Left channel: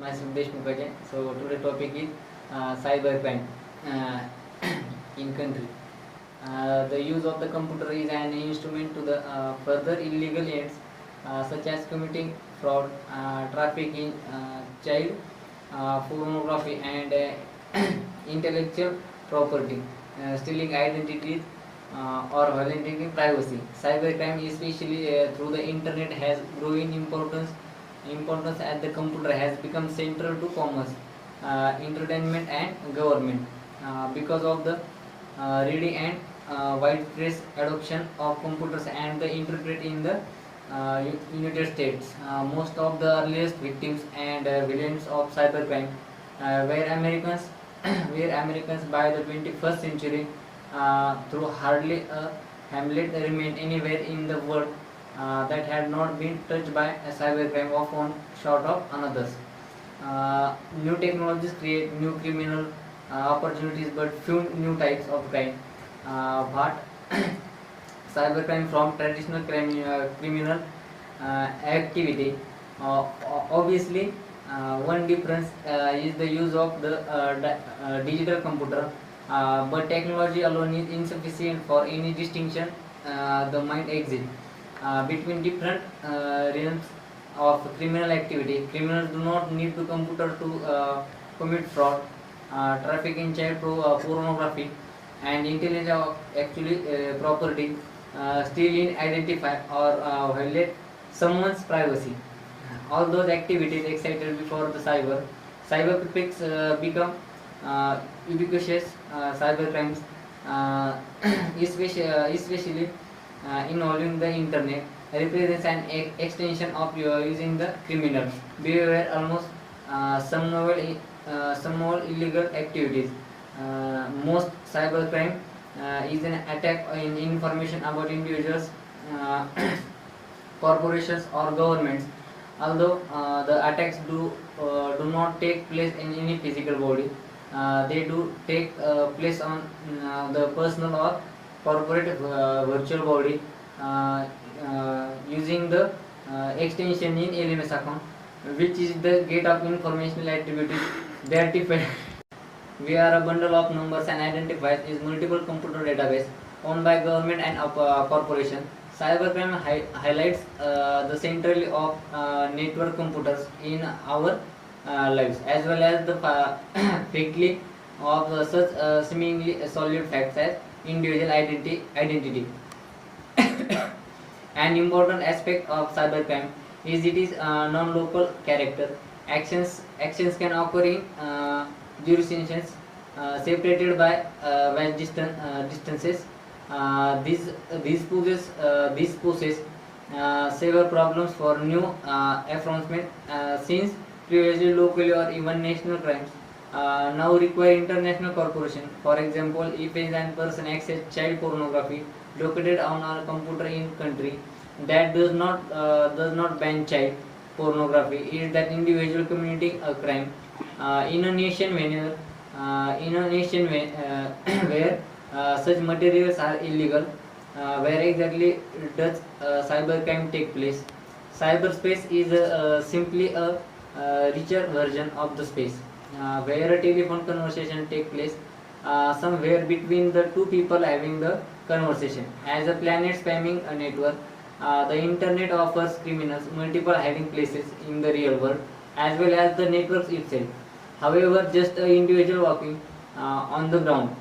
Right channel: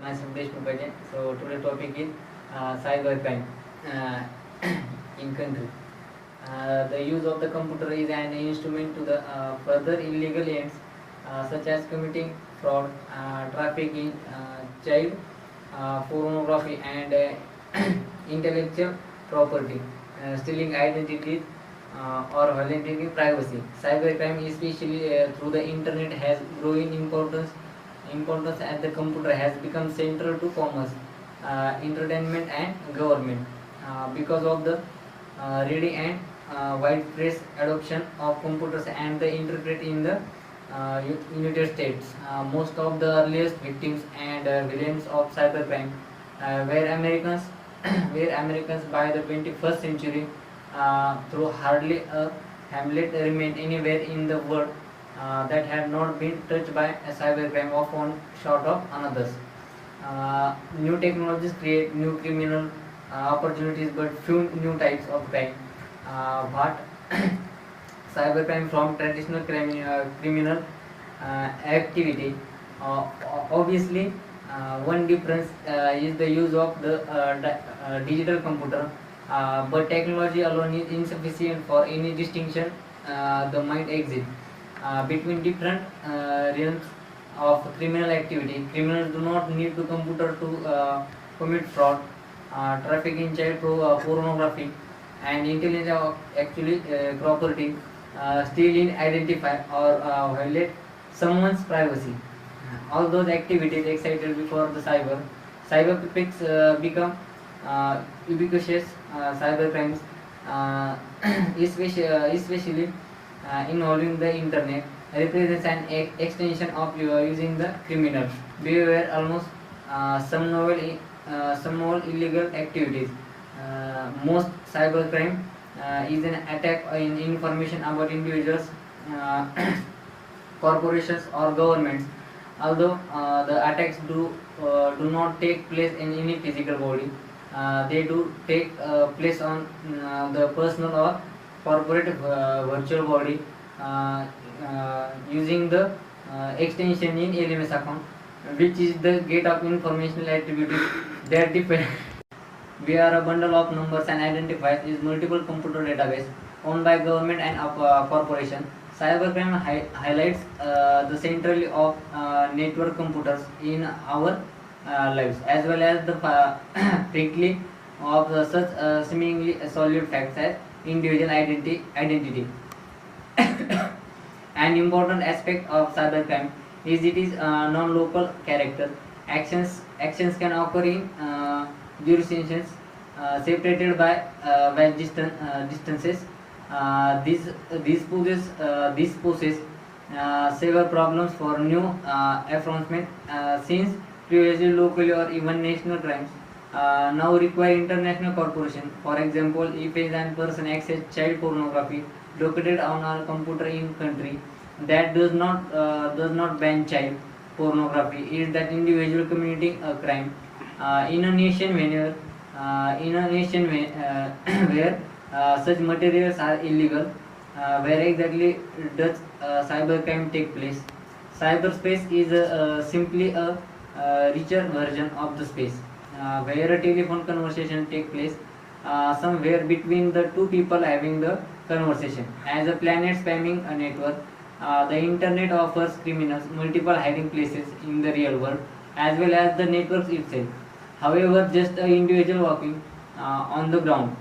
Myself Deshmukh Ajay. So today topic is cybercrime in country. The use of the computer is an instrument to the further illegal ends such as committing fraud, trafficking, child pornography, and intellectual property, stealing identities, or violating privacy. Cybercrime, especially through the internet, has growing importance as the computer has become central to commerce, entertainment, and government because of the reading and widespread adoption of computers and the internet in the United States. Most of the earliest victims and villains of cybercrime were Americans, were Americans by the 21st century. Through hardly a hamlet remained anywhere in the world that had not been touched by a cybercrime of one short of another's. New technologies create new criminal opportunities, but few new types of crime. But cybercrime from traditional criminal activity. Obviously, one difference is the use of the digital computer, but technology alone is insufficient for any distinction the might exist between different realms of criminal activity. Criminals do not need to computer to commit fraud, trafficking child pornography, and intelligence actually property, steal in identify or violate someone's privacy. All those activities excited before the cybercrimes become ubiquitous. Cybercrimes, especially involving the internet, represents an extension of using the criminal behavior, almost some novel illegal activities. Most cybercrime is an attack in information about individuals, corporations, or governments. Although the attacks do not take place in any physical body, they do take place on the personal or corporate virtual body using the extension in LMS account, which is the gate of informational activity that depend. We are a bundle of numbers and identifiers is multiple computer database owned by government and corporation. Cybercrime highlights the centrality of network computers in our lives, as well as the quickly of such seemingly solid facts as individual identity. An important aspect of cybercrime is it is non-local character. Actions can occur in jurisdictions separated by vast distances. This poses several problems for new enforcement, since previously locally or even national crimes now require international cooperation. For example, if a person access child pornography located on a computer in country that does not ban child pornography, is that individual committing a crime in a nation where such materials are illegal. Where exactly does cybercrime take place? Cyberspace is simply a richer version of the space where a telephone conversation takes place somewhere between the two people having the conversation. As a planet spamming a network, the internet offers criminals multiple hiding places in the real world as well as the networks itself. However, just an individual walking on the ground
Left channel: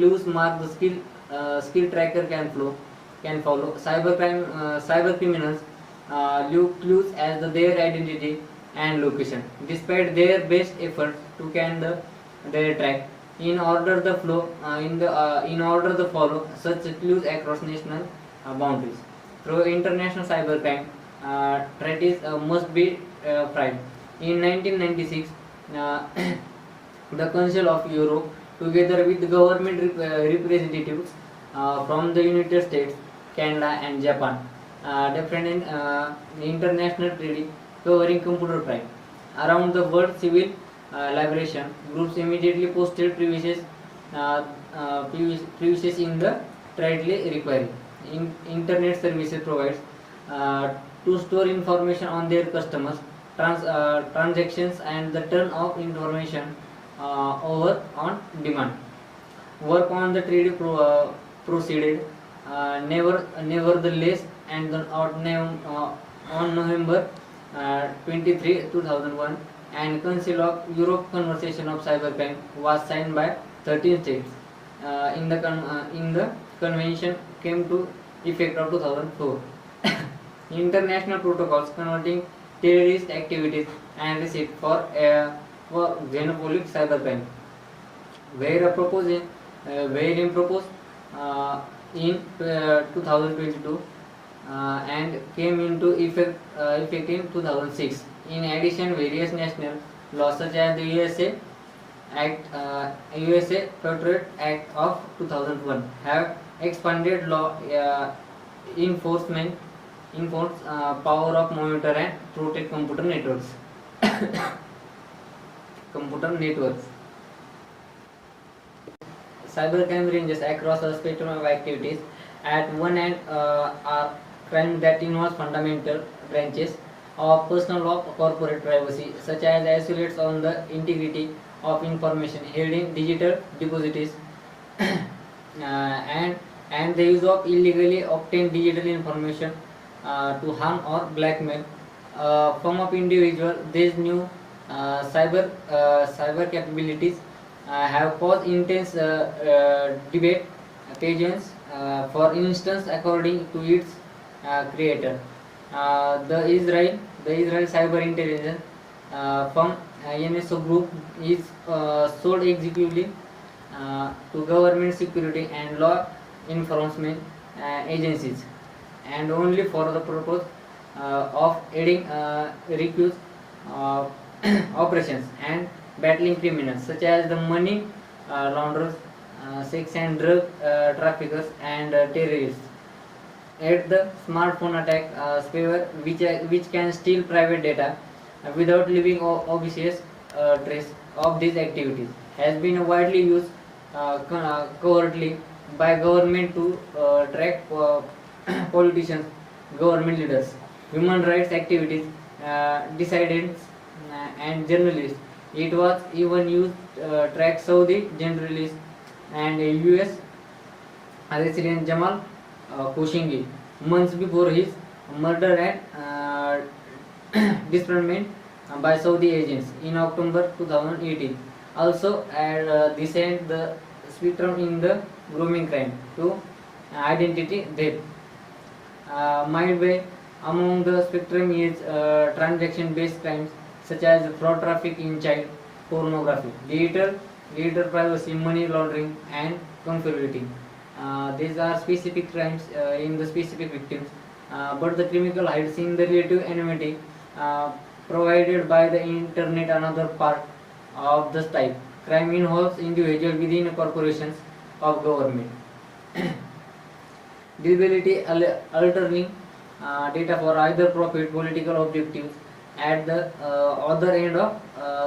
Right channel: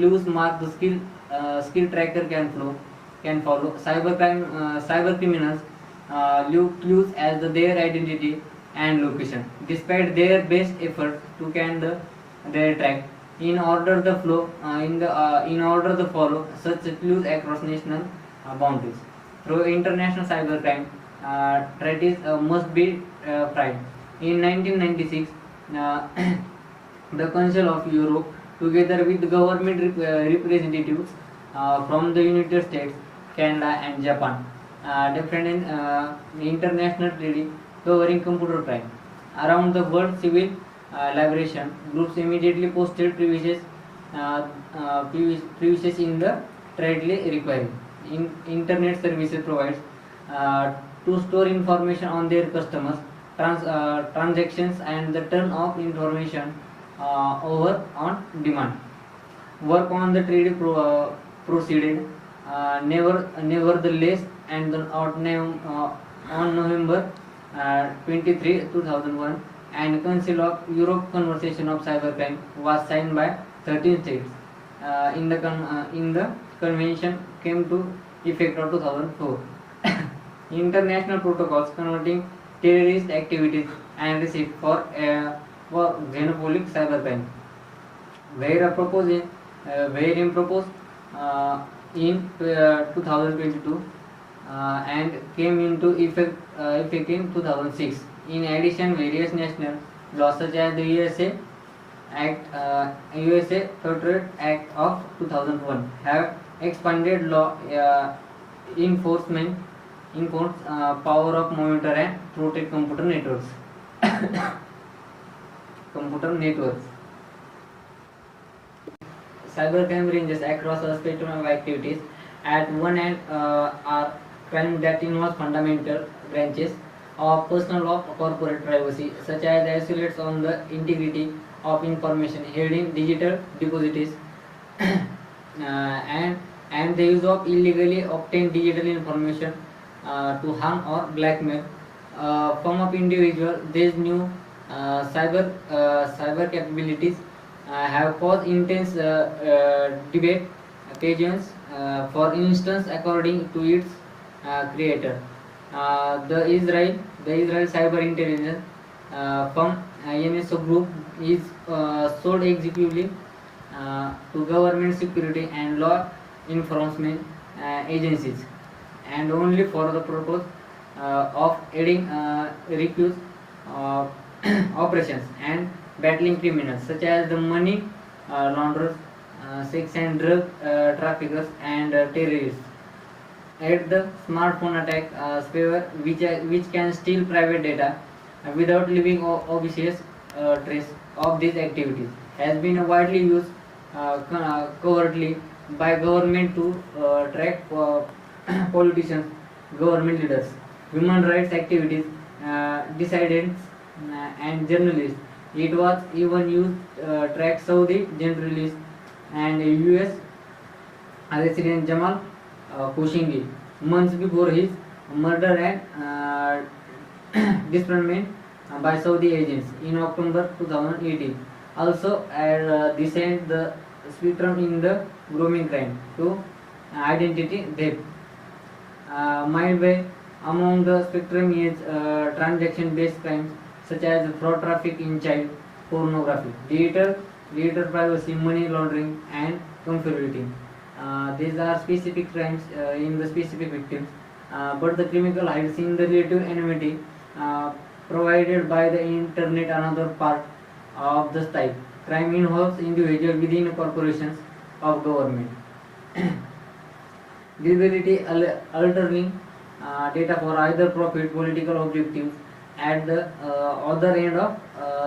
loose mark the skill tracker can follow. Cyber criminals leave clues as their identity and location, despite their best efforts to can their track. In order the follow such clues across national boundaries. Through international cybercrime, treaties must be tried. In 1996, the Council of Europe, together with government representatives from the United States, Canada, and Japan, defended international treaty covering computer crime. Around the world, civil liberation groups immediately posted privileges in the treaty requiring internet services provides to store information on their customers, transactions and the turn of information over on demand. Work on the treaty proceeded nevertheless, and on November 23, 2001, and Council of Europe Convention of Cybercrime was signed by 13 states. In the convention came to effect of 2004. International protocols converting terrorist activities and risk for xenophobic cybercrime were proposed in 2022 and came into effect in 2006. In addition, various national laws such as the USA Patriot Act of 2001 have expanded law enforcement power of monitor and protect computer networks. Computer networks. Cybercrime ranges across a spectrum of activities. At one end are crimes that involve fundamental branches of personal law or corporate privacy, such as assaults on the integrity of information held in digital depositories and the use of illegally obtained digital information to harm or blackmail form of individual. These new cyber capabilities have caused intense debate. Pageants, for instance, according to its creator, the Israel Cyber Intelligence firm NSO Group is sold executively to government security and law enforcement agencies, and only for the purpose of aiding recuse operations and battling criminals such as the money launderers, sex and drug traffickers, and terrorists. At the smartphone attack spyware, which can steal private data without leaving obvious trace of these activities, has been widely used covertly by government to track politicians, government leaders, human rights activities, dissidents, and journalists. It was even used track Saudi journalists and U.S. President Jamal Khashoggi months before his murder and dismemberment by Saudi agents in October 2018. Also, this and the spectrum in the grooming crime to identity theft. Midway among the spectrum is transaction-based crimes such as fraud, traffic in child pornography, digital privacy, money laundering, and counterfeiting. These are specific crimes in the specific victims, but the criminal hides in the relative anonymity provided by the internet. Another part of this type crime involves individuals within corporations of government. Deliberately altering data for either profit, political objectives at the other end of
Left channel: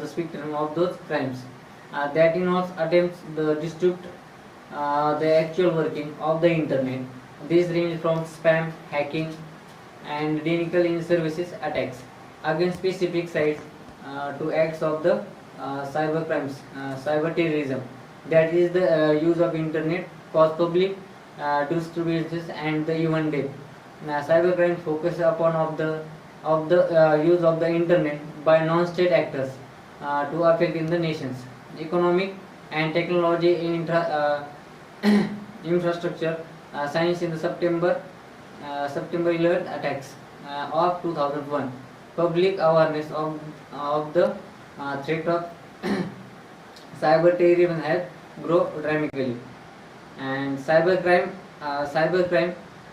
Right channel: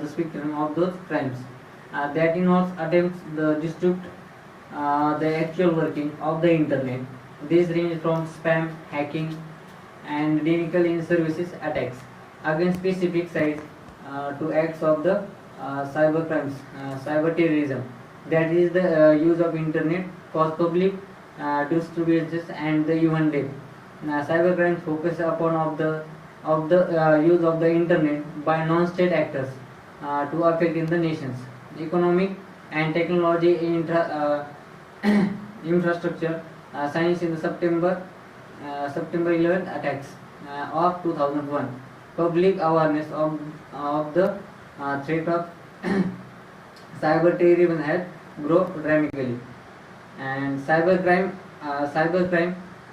the spectrum of those crimes. That involves attempts to disrupt the actual working of the internet. These range from spam, hacking, and denial in services attacks against specific sites to acts of the cyber crimes, cyber terrorism. That is the use of internet for public distributions and the even death. Cybercrime focus upon of the use of the internet by non-state actors to affect in the nations economic and technology infrastructure. Science in the September 11 attacks of 2001. Public awareness of the threat of cyber terrorism has grown dramatically, and cybercrime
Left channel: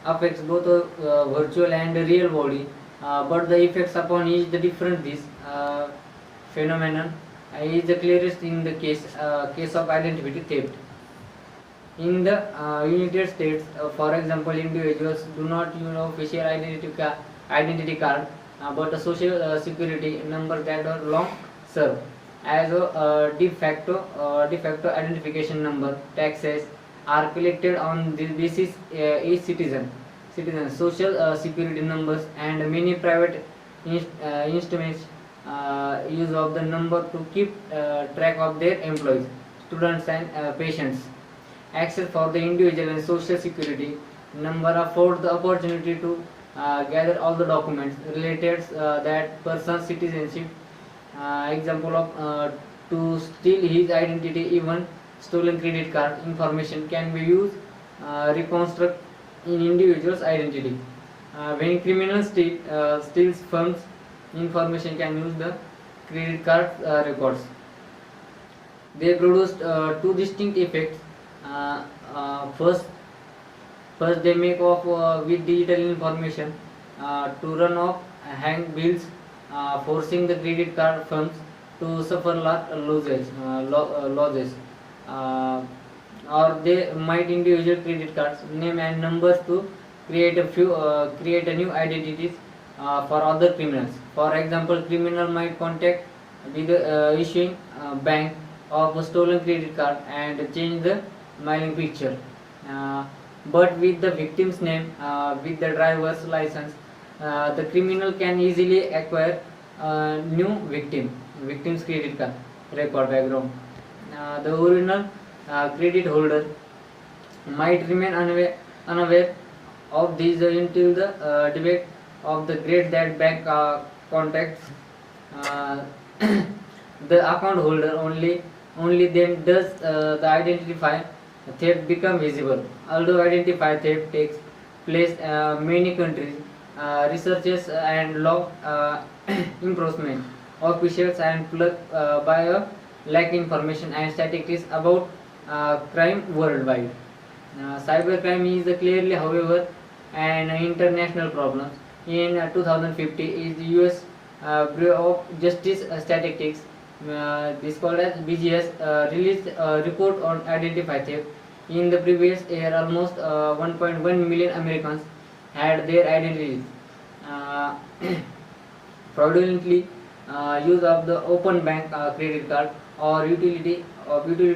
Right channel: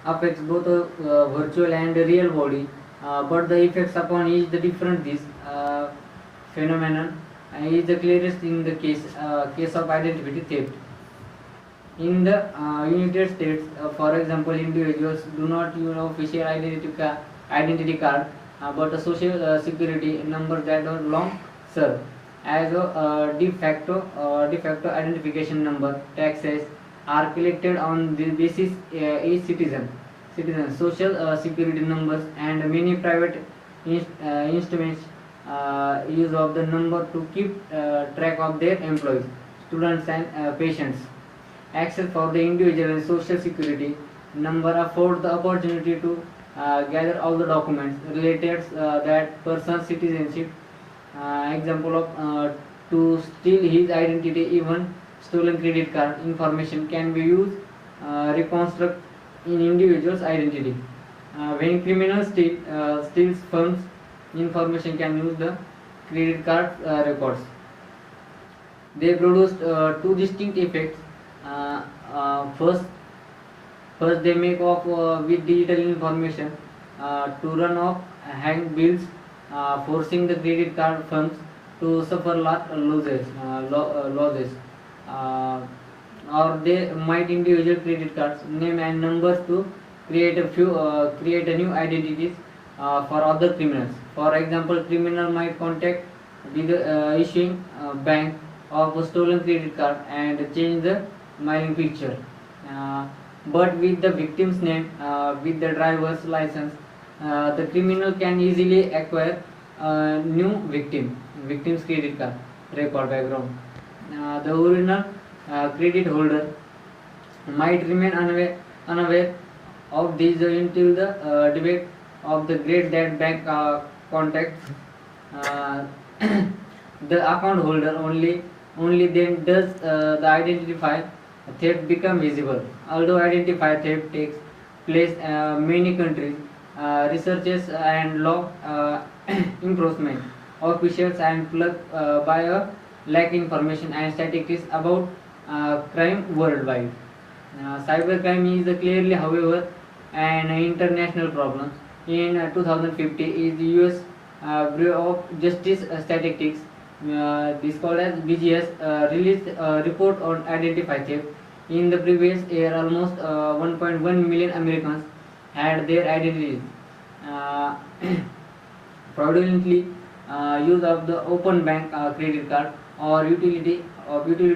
affects both virtual and real body, but the effects upon each the different. This phenomenon is the clearest in the case of identity theft. In the United States, for example, individuals do not use official identity card, but a social security number that are long served as a de facto identification number. Taxes are collected on the basis each citizen social security numbers and many private instruments use of the number to keep track of their employees, students and patients. Access for the individual and social security number afford the opportunity to gather all the documents related that person's citizenship. Example of to steal his identity, even stolen credit card information can be used reconstruct in individual's identity. When criminals steals funds, information can use the credit card records. They produced two distinct effects. First, they make off with digital information to run off hang bills, forcing the credit card firms to suffer losses. Or they might individual credit cards name and numbers to create a new identities for other criminals. For example, criminal might contact with the issuing bank of a stolen credit card and change the mailing picture. But with the victim's name, with the driver's license, the criminal can easily acquire a new victim's credit card record background. The original credit holder might remain unaware of this until the debate of the grade that bank contacts the account holder. Only then does the identify theft become visible. Although identify theft takes place many countries, researchers and law enforcement officials and plugged by a lack information and statistics about crime worldwide. Cybercrime is clearly, however, an international problem. In 2050, is the U.S. Bureau of Justice Statistics, this called as BGS, released a report on identity theft. In the previous year, almost 1.1 million Americans had their identity fraudulently use of the open bank credit card or utility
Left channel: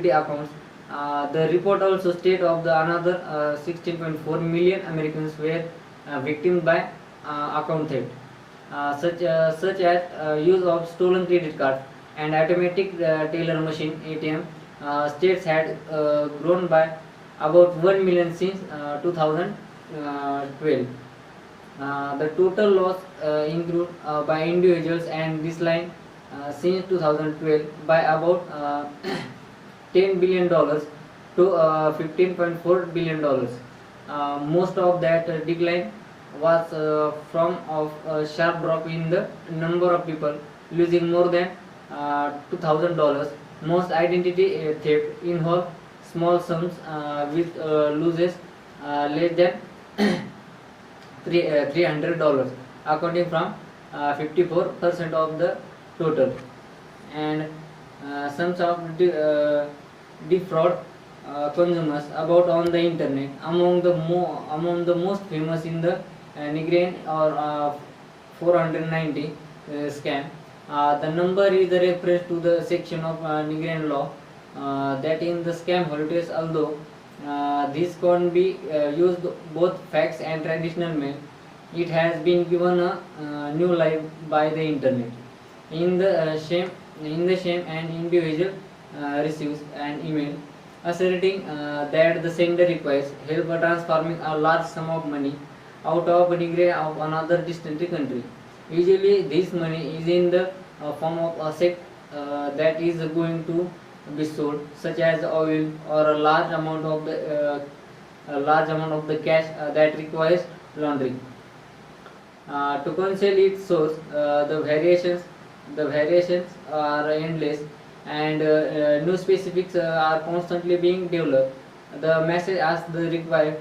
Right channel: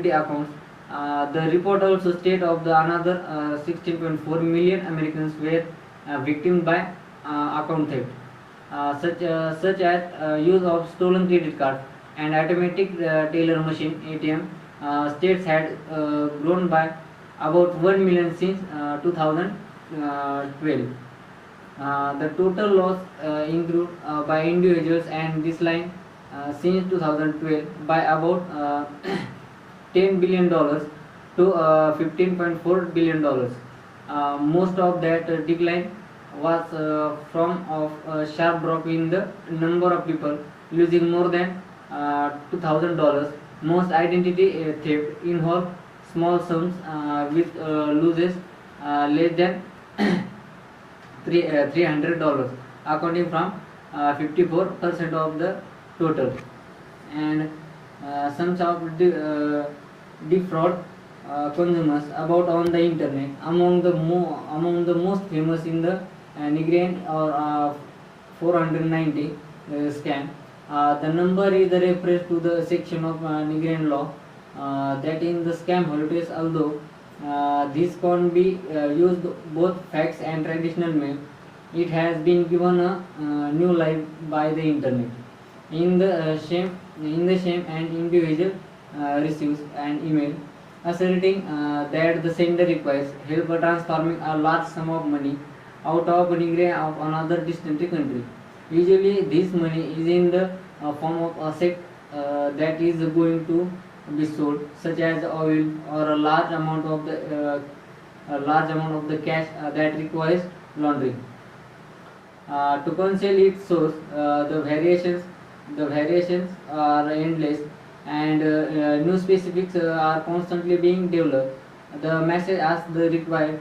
accounts. The report also stated of the another 16.4 million Americans were victims by account theft, such as use of stolen credit cards and automatic teller machine (ATM). States had grown by about 1 million since 2012. The total loss incurred by individuals and this line since 2012 by about $10 billion to $15.4 billion. Most of that decline was from a sharp drop in the number of people losing more than $2,000. Most identity theft involve small sums with losses less than $300, accounting from 54% of the total. And some of defraud consumers about on the internet. Among the most famous in the Nigerian or 490 scam. The number is a reference to the section of Nigerian law that in the scam holidays, although this can be used both facts and traditional means, it has been given a new life by the internet. In the same an individual receives an email asserting that the sender requires help transforming a large sum of money out of Nigeria of another distant country. Usually, this money is in the form of a check that is going to be sold, such as oil or a large amount of the cash that requires laundering. To conceal its source, the variations are endless, and new specifics are constantly being developed. The message asks the required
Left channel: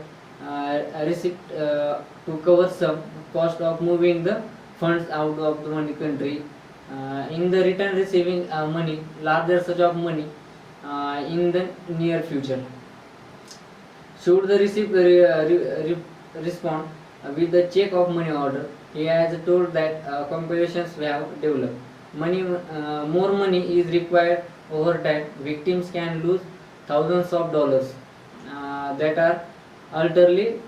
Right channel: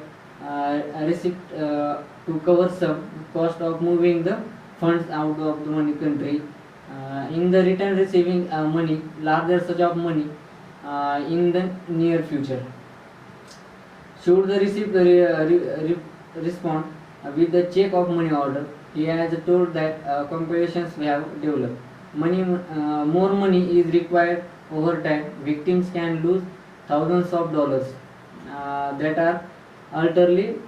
receipt to cover some cost of moving the funds out of the money country. In the return, receiving money, larger such of money in the near future. Should the receiver respond with the check of money order, he has told that computations have developed. More money is required over time. Victims can lose thousands of dollars that are utterly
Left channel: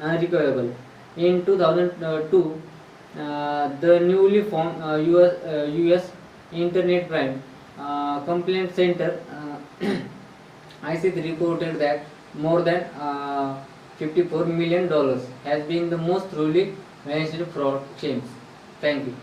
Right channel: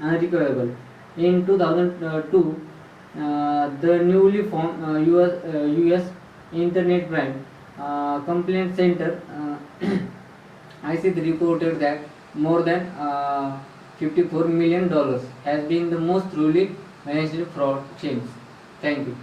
unrecoverable. In 2002, The newly formed US Internet Crime Complaint Center IC3 reported that more than $54 million has been the most truly managed fraud claims. Thank you.